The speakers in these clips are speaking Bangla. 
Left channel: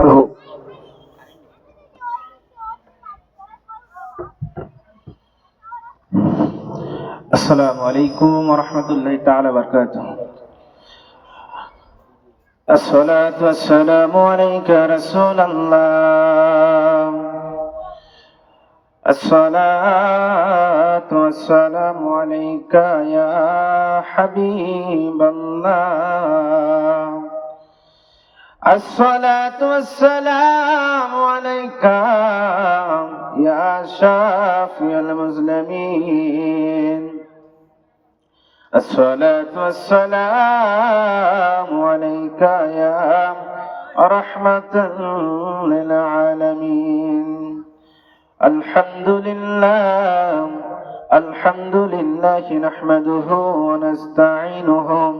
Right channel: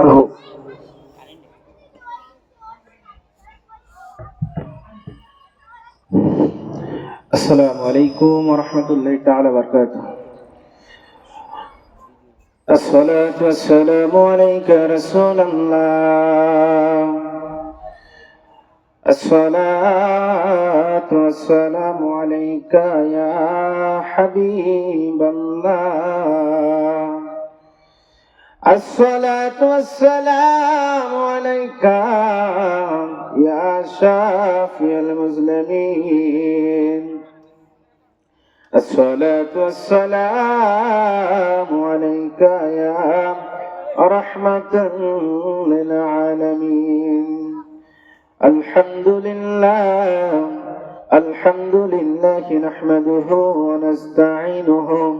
السلام عليكم ورحمة الله تعالى وبركاته. الصلاة والسلام عليك رسول الله. الصلاة والسلام عليك يا حبيب الله. الصلاة والسلام عليك يا شافي المسلمين الصلاة والسلام عليك يا رحمة للعالمين. الحمد لله الحمد لله نحمده ونستعينه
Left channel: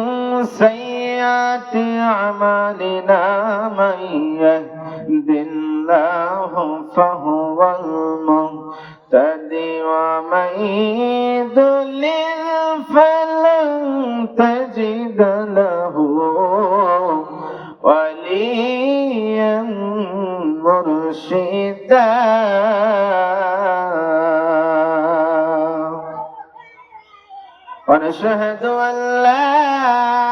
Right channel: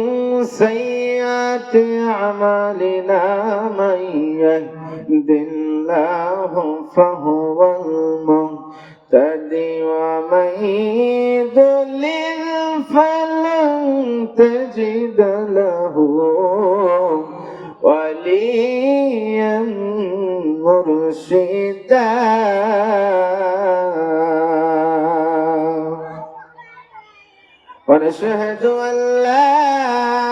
سيئات أعمالنا من يهد الله فهو المهتدي ومن يضلل فلن تجد له وليا مرشدا. ونشهد أن لا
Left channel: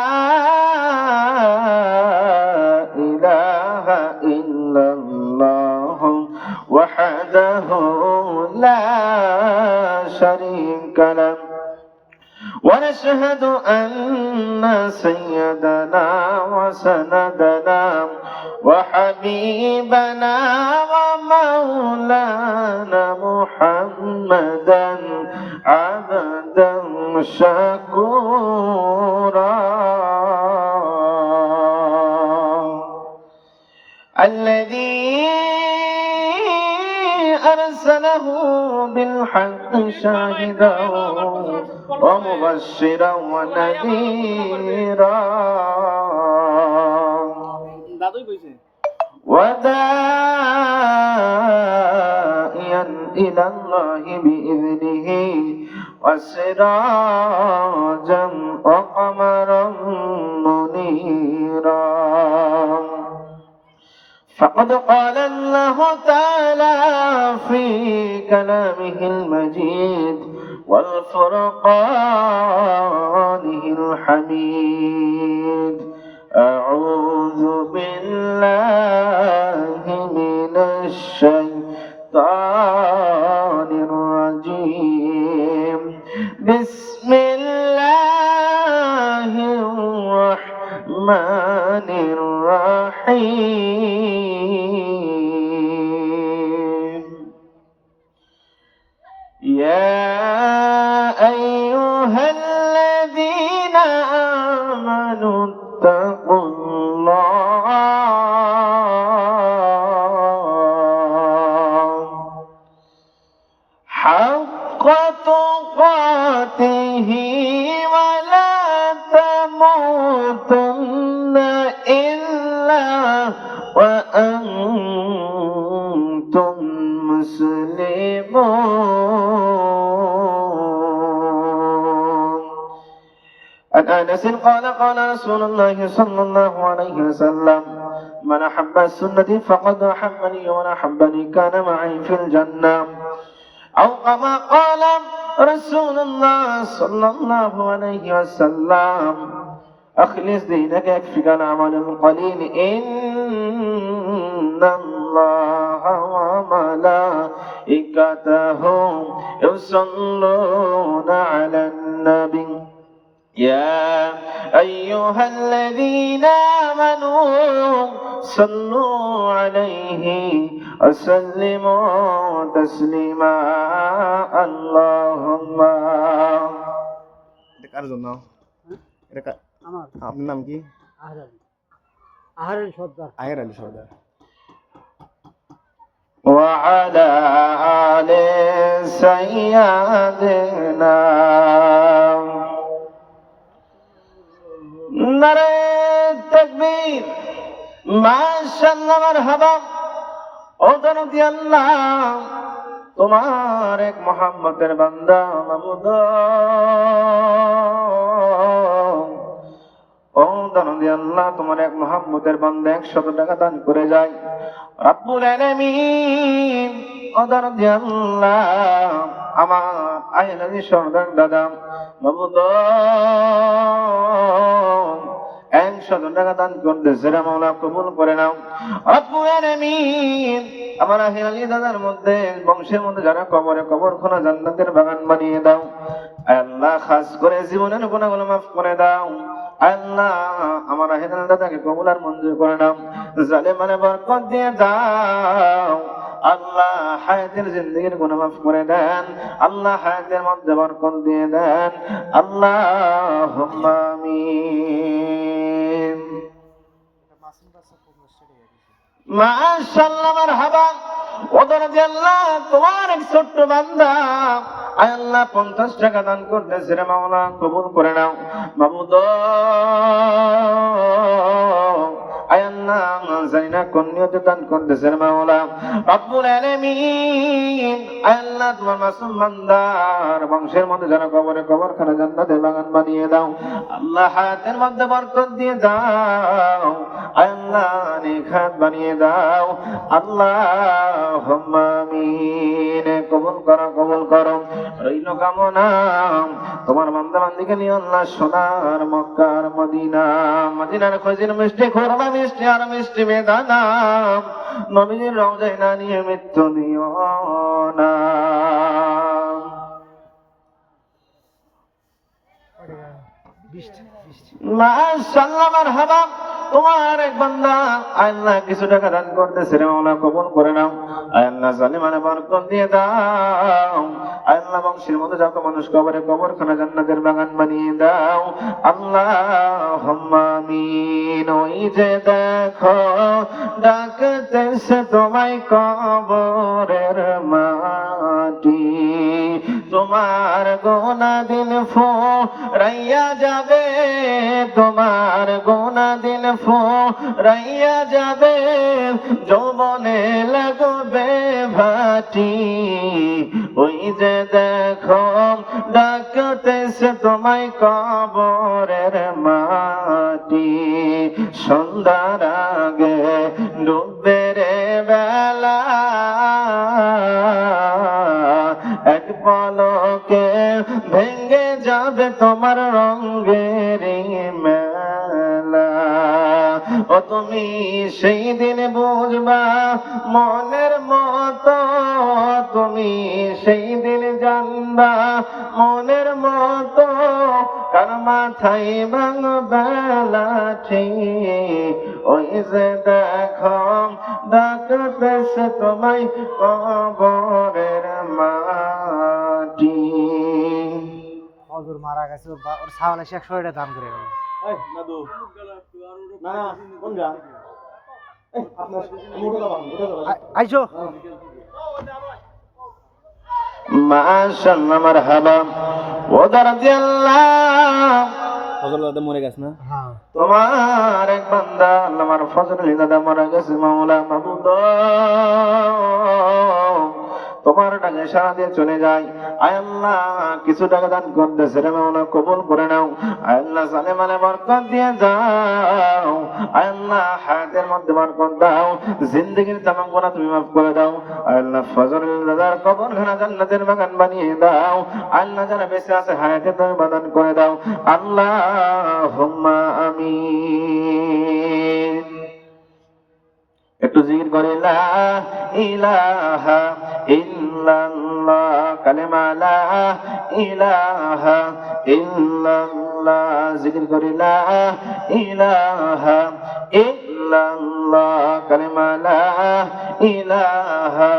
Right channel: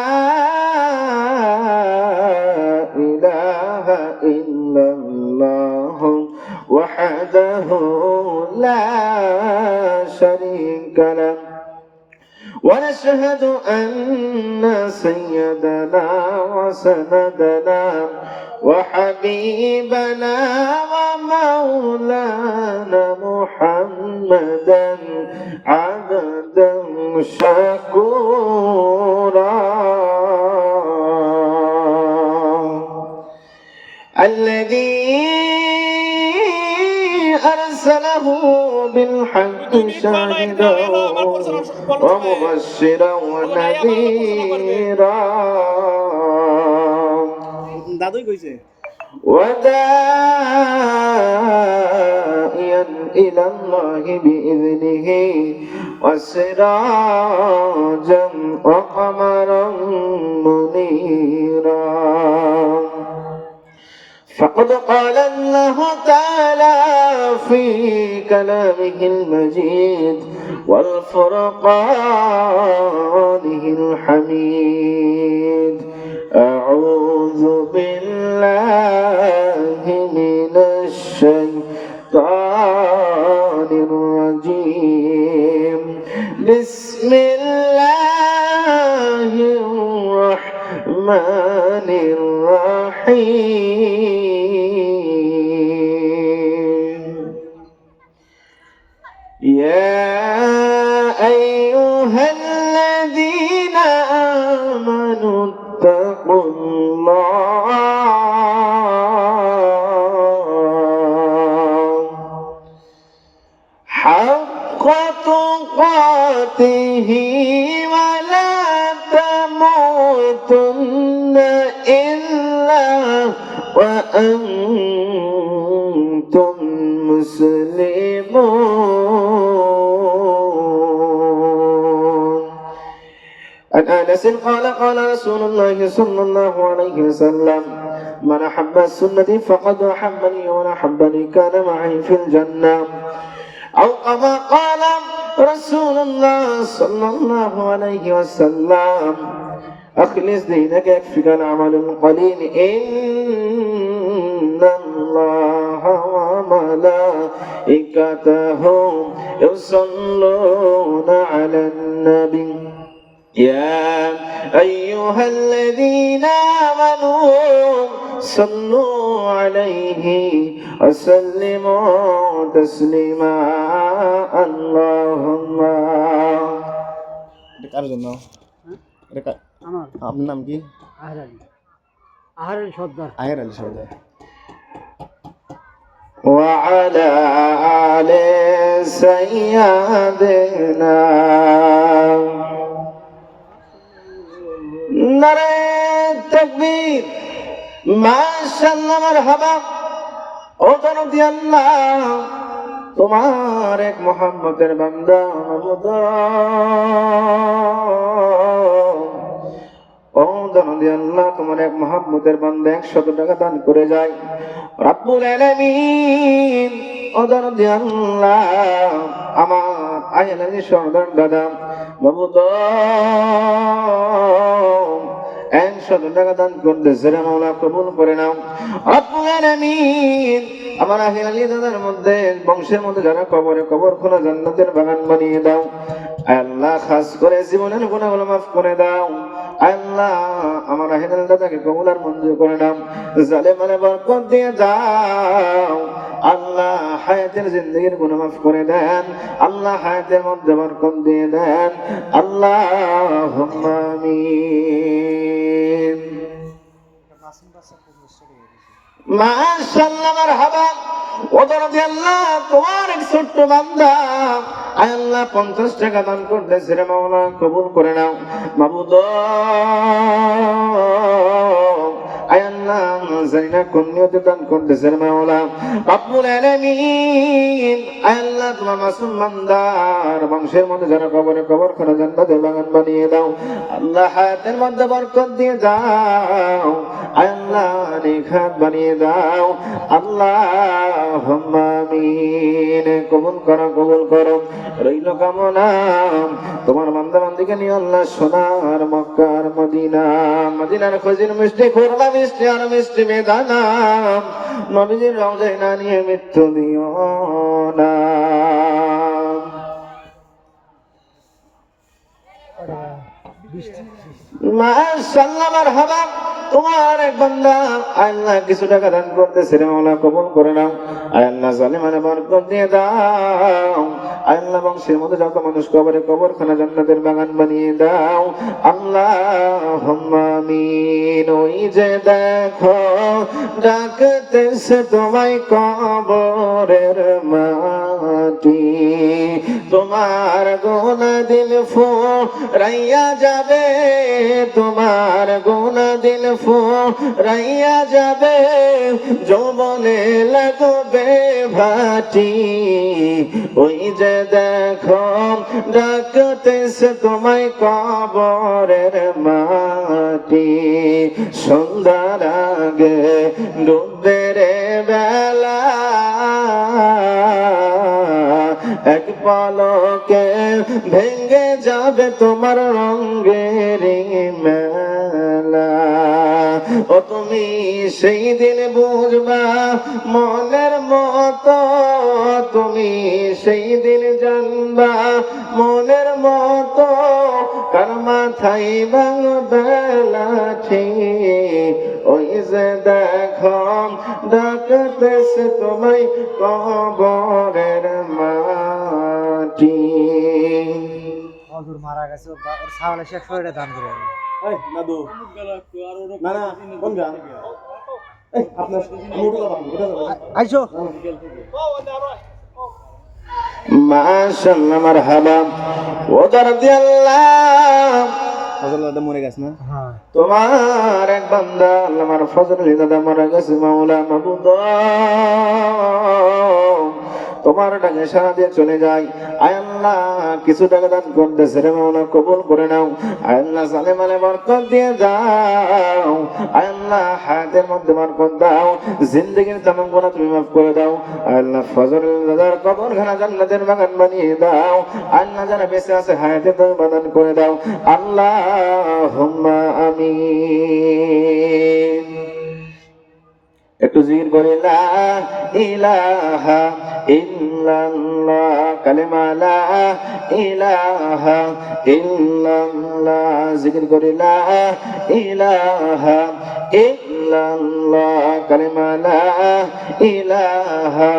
ونشهد أن سيدنا وسندنا وحبيبنا ومولانا محمدا عبدا شكورا. الذي أرسله بالحق شاهدا. ومبشرا ونذيرا দাদুই কইছে وداعيا إلى الله بإذنه وسراجا وقمرا منيرا فقد قال الله تعالى في كلامه المجيد والفرقانه الحميد. أعوذ بالله قال قال رسول الله صلى الله عليه وسلم من أحب السنة فقد أحبني ومن أحبني كان معي في الجنة. أو كما قال رسول الله صلى الله عليه وسلم أخلص دينك يكفيك العمل القليل إن الله وملائكته يصلون على النبي. يا أيها الذين آمنوا صلوا عليه وسلموا تسليما اللهم এটা কার জন্য এটা কা- আমার আপনার নাম কি আহলালি আহারের সর্দার আয়ের আলী সর্দার وعلى آل سيدنا নারে তকবীর। ও আল্লাহ, তোমার এক মোহাম্মদের বান্দা মাবুদ ও জনতি আল্লাহ, তোমার এক মোহাম্মদের বান্দা একশত টাকা দান করে যায়। রাব্বুল আলামিন ও জনতি আল্লাহ আমার আইলানি সর্দার দাদা মাবুদ দাদার মধ্যে, বংশের মধ্যে যারা কবরে কবর খোনা জান্নাতের বাগান বানিয়ে দাও, আল্লাহ খাস করে জীবনের গুণাগুলো মাফ করে দাও। আল্লাহ, আমার আলী দাদাকে কবুল মঞ্জুর করে নাও। জালেমানে বরকত দিয়ে দাও। আল্লাহ হায়াতের জিন্দগির গুনাহ মাফ করে দেন। আল্লাহ হায়াতের মধ্যে বরকত দিয়ে দেন। আল্লাহ তোমার ছোট্ট আল্লাহ, পঞ্চাশ টাকা দান কবুল করে নাও। মাবুদ। আয় আল্লাহ জানি না কোন নিয়তে দান করতেছেন মাওলা। রব্বুল আলামিন আয় আল্লাহ তোমার মাসুম বান্দার বংশের মধ্যে যারা কবরে কবর খানা জান্নাতের বাগান বানিয়ে দাও। আল্লাহ হায়াতের মধ্যে বরকত দিয়ে দাও। আল্লাহ নিখাত বানিয়ে দাও। আল্লাহ আমিন। কবুল করো কবুল করো। রইল কামনা। তোমার বান্দা বান্দিকে নিয়ে আল্লাহ সোনার মক্কার মদিনা। মদিনার খোঁজের মিষ্টি, খোরমা মিষ্টি আর মিষ্টি বেদানা। নবীজির রওজায় না নিয়ে মৃত্যু দিও না। Uh... তোমার জান্নাতের বাগান বানিয়ে দাও। আল্লাহ আমিন। ওই যে দেখো ডাকতেছে তোমায় কবরের মাটি। তোমার গোনা দিন ফো রাইয়া যাবে, তোমার গোনা দিন ফো রাইয়া যাবে। যৌবনে লাগবে ভাটি, ওই যে দেখো ডাকতেছে তোমায় কবরের মাটি। সন্ধ্যার আগে ডুববে রে বেলা যাবে তোমার রঙ্গের মেলা। ও তুমি সেই দিন বুঝবা, মনের মতো তুমি সেই দিন জানবা, মনের মতো কার মাথায় বাংলাঠি ওই যে দেখো, ডাকতেছে তোমায় কবরের ওর দান করে এই দাদু। না না কোন গান? এই আপনার আমি উঠে যাব উঠে যাব। আইসো। মাশাআল্লাহ মারহাবা। ও দরদি ফজল দাদা মরে গেছে না? হ্যাঁ। তোমার এক বান্দা আল্লাহ আমার ফজল দাদা মারা গেছে মাওলা মাবুদ। তোমার ডাকে সারা দিয়ে চলে যায়। আয় আল্লাহ কিছু টাকা দান করতেছে রে মাওলা কবুল করে নাও। আল্লাহ সালে মালে বরকত দিয়ে দাও। আল্লাহ হায়াতের মধ্যে বরকত দাও। জিন্দগির তামাম গুনাহ তুমি মাফ করে দাও। আল্লাহ ফজল দাদার কবর খানা জান্নাতের বাগান বানিয়ে দাও। আল্লাহ যারা বেঁচে আছে হায়াতে তুমি বাদান করে দাও। আল্লাহ আমিন। একটু জিকির করে, লা ইলাহা ইল্লাল্লাহ কালেমা, লা ইলাহা ইল্লাল্লাহ জিকির করে ইলাহা ইল্লাল্লাহ কালেমা, লা ইলাহা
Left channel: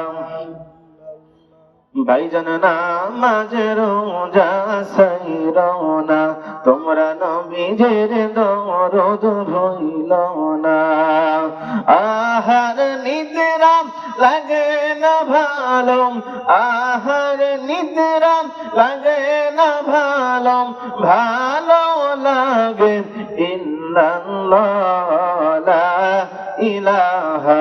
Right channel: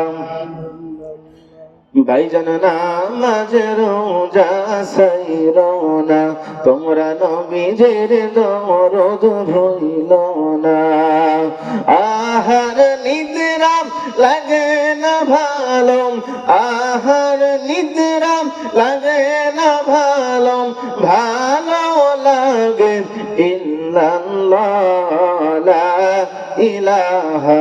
ভাইজান না মাঝে রোজা সাই রওনা তোমরা নবীজের দরদ না। আহার নিদ্রা লাগে না ভালো আহার নিদ্রাম লাগে না ভালো ভালো লাগে ইল্লাল্লাহ ইলাহা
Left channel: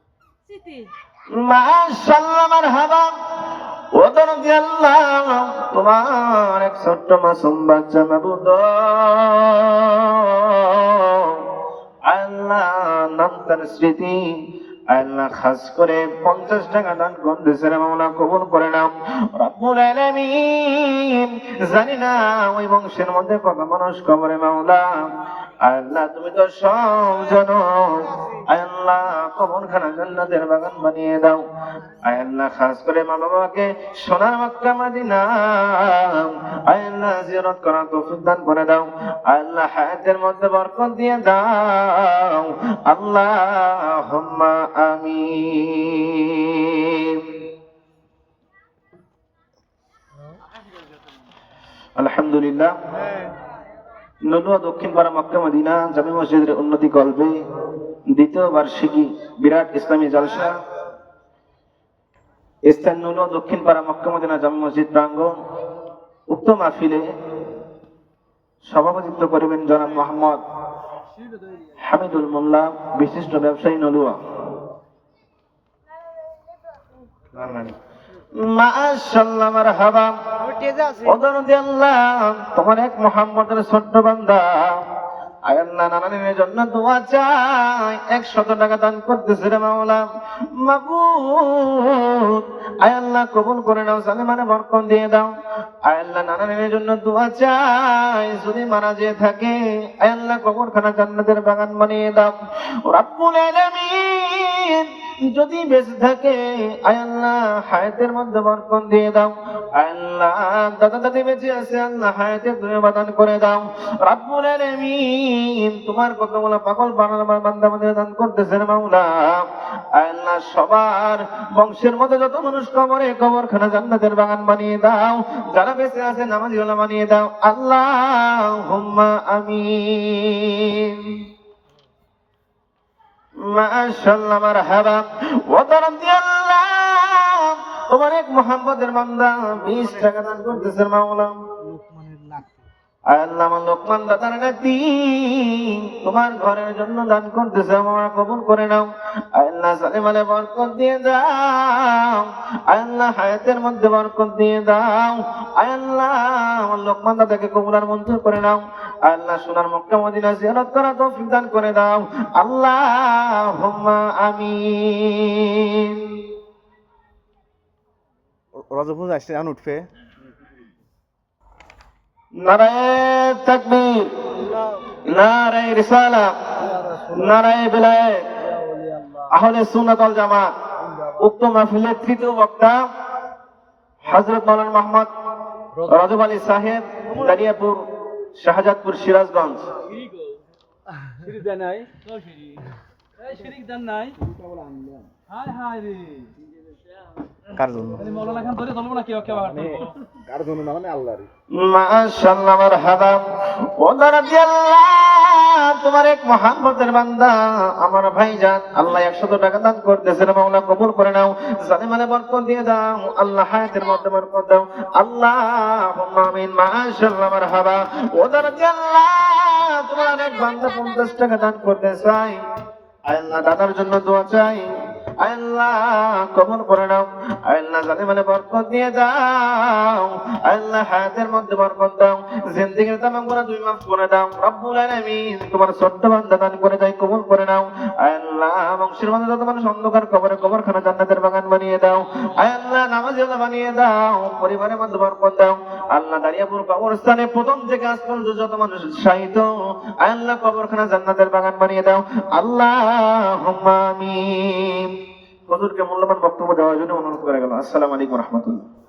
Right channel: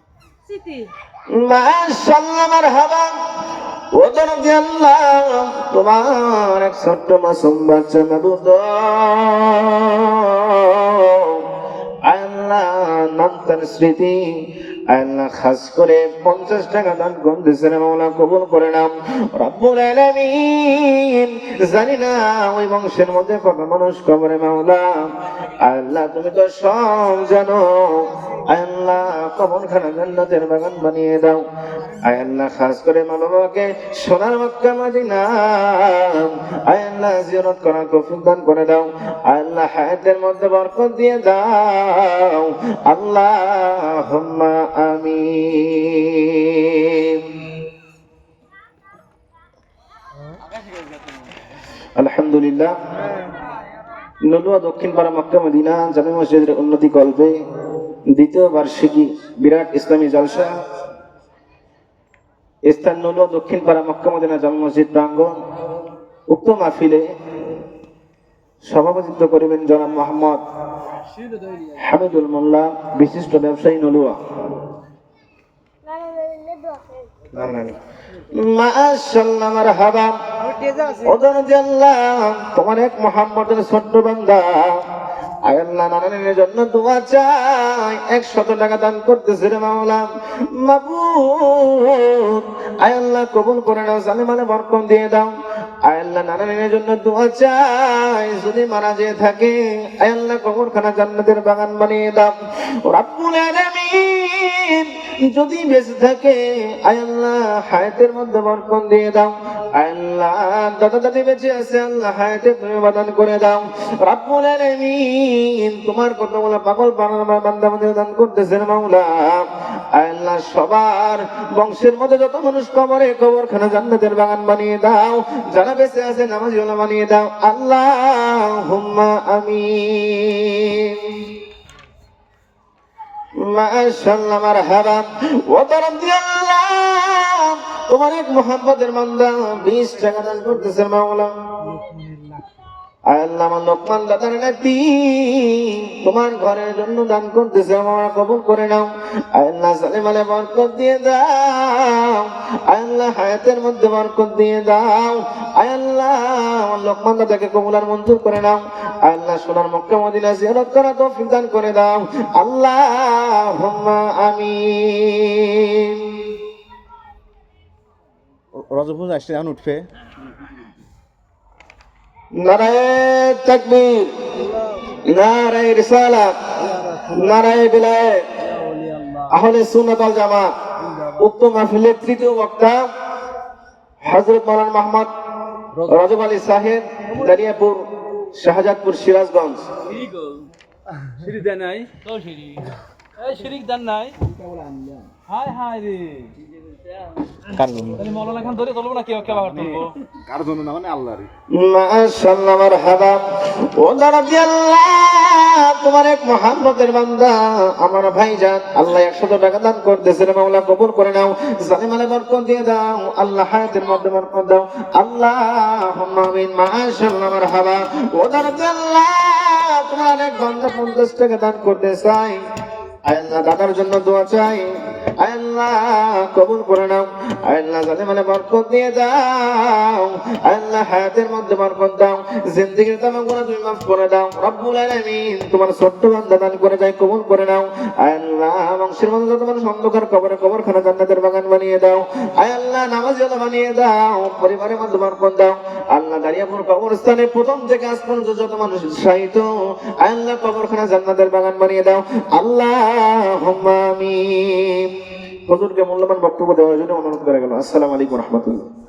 আল্লাহ, তোমার এক ছোট্ট মাসুম বাচ্চা আল্লাহ নাম তার স্মৃতি, আল্লাহ খাস করে পঞ্চাশ টাকা দান মাওলা কবুল করে নাম রব্বুল আলামিন, জানি না ওই বংশের মধ্যে কত মানুষ কবরে মাওলা। আল্লাহ, তুমি তো সব জানো। আল্লাহ, কবর খানা জান্নাতের বাগান বানিয়ে দাও। আল্লাহ, খাস করে মা বাবাকে সোনার মক্কা মদিনা আল্লাহ, জিয়ারত করার তৌফিক দান করে দাও। আল্লাহ, হায়াতের মধ্যে বরকত দিয়ে দাও। আল্লাহুম্মা আমিন। আলহামদুলিল্লাহ। নদুয়া দক্ষিণ পাড়া মক্কা মদিনা জামে মসজিদের উন্নতি কল্পে দ্বিতীয় বার্ষিকী বিরাট ইসলামী জলসা। স্থান নদুয়া দক্ষিণ পাড়া মক্কা মদিনা জামে মসজিদ প্রাঙ্গণ। উক্ত মাহফিলে সভাপতিত্ব করিবেন জনাব মোহাম্মদ হামিদুল মোল্লা বিশিষ্ট ব্যবসায়ী নলুয়া তোমার এক মোহাম্মদের ছোট্ট বান্দা। নানানের জন্য দোয়া চাই। একশত টাকা দান করতেছে রে মাওলা। কবুল করে নাও জালিমানে বরকত দিয়ে দাও। আয় আল্লাহ নানানের জন্য দোয়া চাই। যদি মারা যেয়ে থাকে আয় আল্লাহ খানা জান্নাতের বাগান বানিয়ে দাও। রাব্বুল আলামিন যদি বেঁচে থাকে আল্লাহ, হায়াতের মধ্যে বরকত দিয়ে দাও। আল্লাহ দাদা দাদি বেঁচে আছে, আল্লাহ হায়াতে তুমি বাদান করে দাও। রাব্বুল আলামিন তোমার কত বলা পাগল বানার বান্দা মধ্যে দান করতেছে রে মাওলা আল্লাহ, সবার বংশের মধ্যে যত মানুষ কবরে কবর খানা জান্নাতের বাগান বানিয়ে দাও। যারা বেঁচে আছে নামাজি বানিয়ে দাও। আল্লাহ হুম্মা আমিন। মাশাআল্লাহ মারহাবা। ওয়া তোমার এক মোহাম্মদের বান্দা 20 টাকা দান করতেছে মাওলা আল্লাহ আমার তোমার ঘরের জন্য দান করতেছে, আমার কবুল করে নাও। আল্লাহ বরকত দিয়ে দাও। হায়াতের মধ্যে বরকত দিয়ে দাও। আমার দাদাকে মঞ্জুর করে নাও। আল্লাহ সোনার মক্কা মদিনা জিয়ারত করা তৌফিক দান করে দাও। আল্লাহ আমি রজপুর আসছে এখন উঠবে। নারায়ে তাকবীর, নারায়ে রিসালা, নারায়ে বিলায়, আহলে সুন্নাত ওয়াল জামাত, উক্ত মাহফিলের তৃতীয় বক্তা হযরত মাওলানা মোহাম্মদ রাজব আলী সাহেব, দানিয়াপুর, শাহজাদপুর, সিরাজগঞ্জ। নাই? নাই? হায় হায় রে। কার জন্য? জন্য না মানে আল্লাহরই। মাশাআল্লাহ মারহাবা। ও রাদিয়াল্লাহ তোমার এক মোহাম্মদের বান্দা আমার ভাইজান আল্লাহ 100 টাকা দান করতেছে মাওলা কবুল করে নাও। জালিমালে বরকত দিয়ে দাও আল্লাহ হায়াতের মধ্যে বরকত দাও। আল্লাহুম্মা আমিন মাশাআল্লাহ মারহাবা। ও রাদিয়াল্লাহ তোমার এক বান্দা 50 টাকা দান করতে চাই আল্লাহ দাদার জন্য দোয়া চাই। আল্লাহ কবুল করে নাও। আল্লাহ জানে বরকত দিয়ে দাও, আল্লাহ হায়াতের মধ্যে বরকত দাও, জিন্দেগির তামাম গুনাহ তুমি মাফ করে দাও। রব্বুল আলামিন তোমার ছোট্ট বান্দা দান করে যাই কবুল করে নাও। আল্লাহ বংশের মধ্যে যত মানুষ অন্ধকার কবরে কবরখানা জান্নাতের বাগান বানিয়ে দাও। আল্লাহ নামাজ বানিয়ে দাও, পরিবারের মধ্যে বরকত দাও। আল্লাহ দাঁড়িয়াপুর কবরস্থানে প্রথম থেকে আজ পর্যন্ত যত মানুষ আয় আল্লাহ কবরখানা জান্নাতের বাগান বানিয়ে দাও। আল্লাহ আমিন। হুজুরকে মূল্যবান বক্তব্য দেওয়ার জন্য অনুরোধ করা গেল। আসসালামু আলাইকুম রহমতুল্লাহ।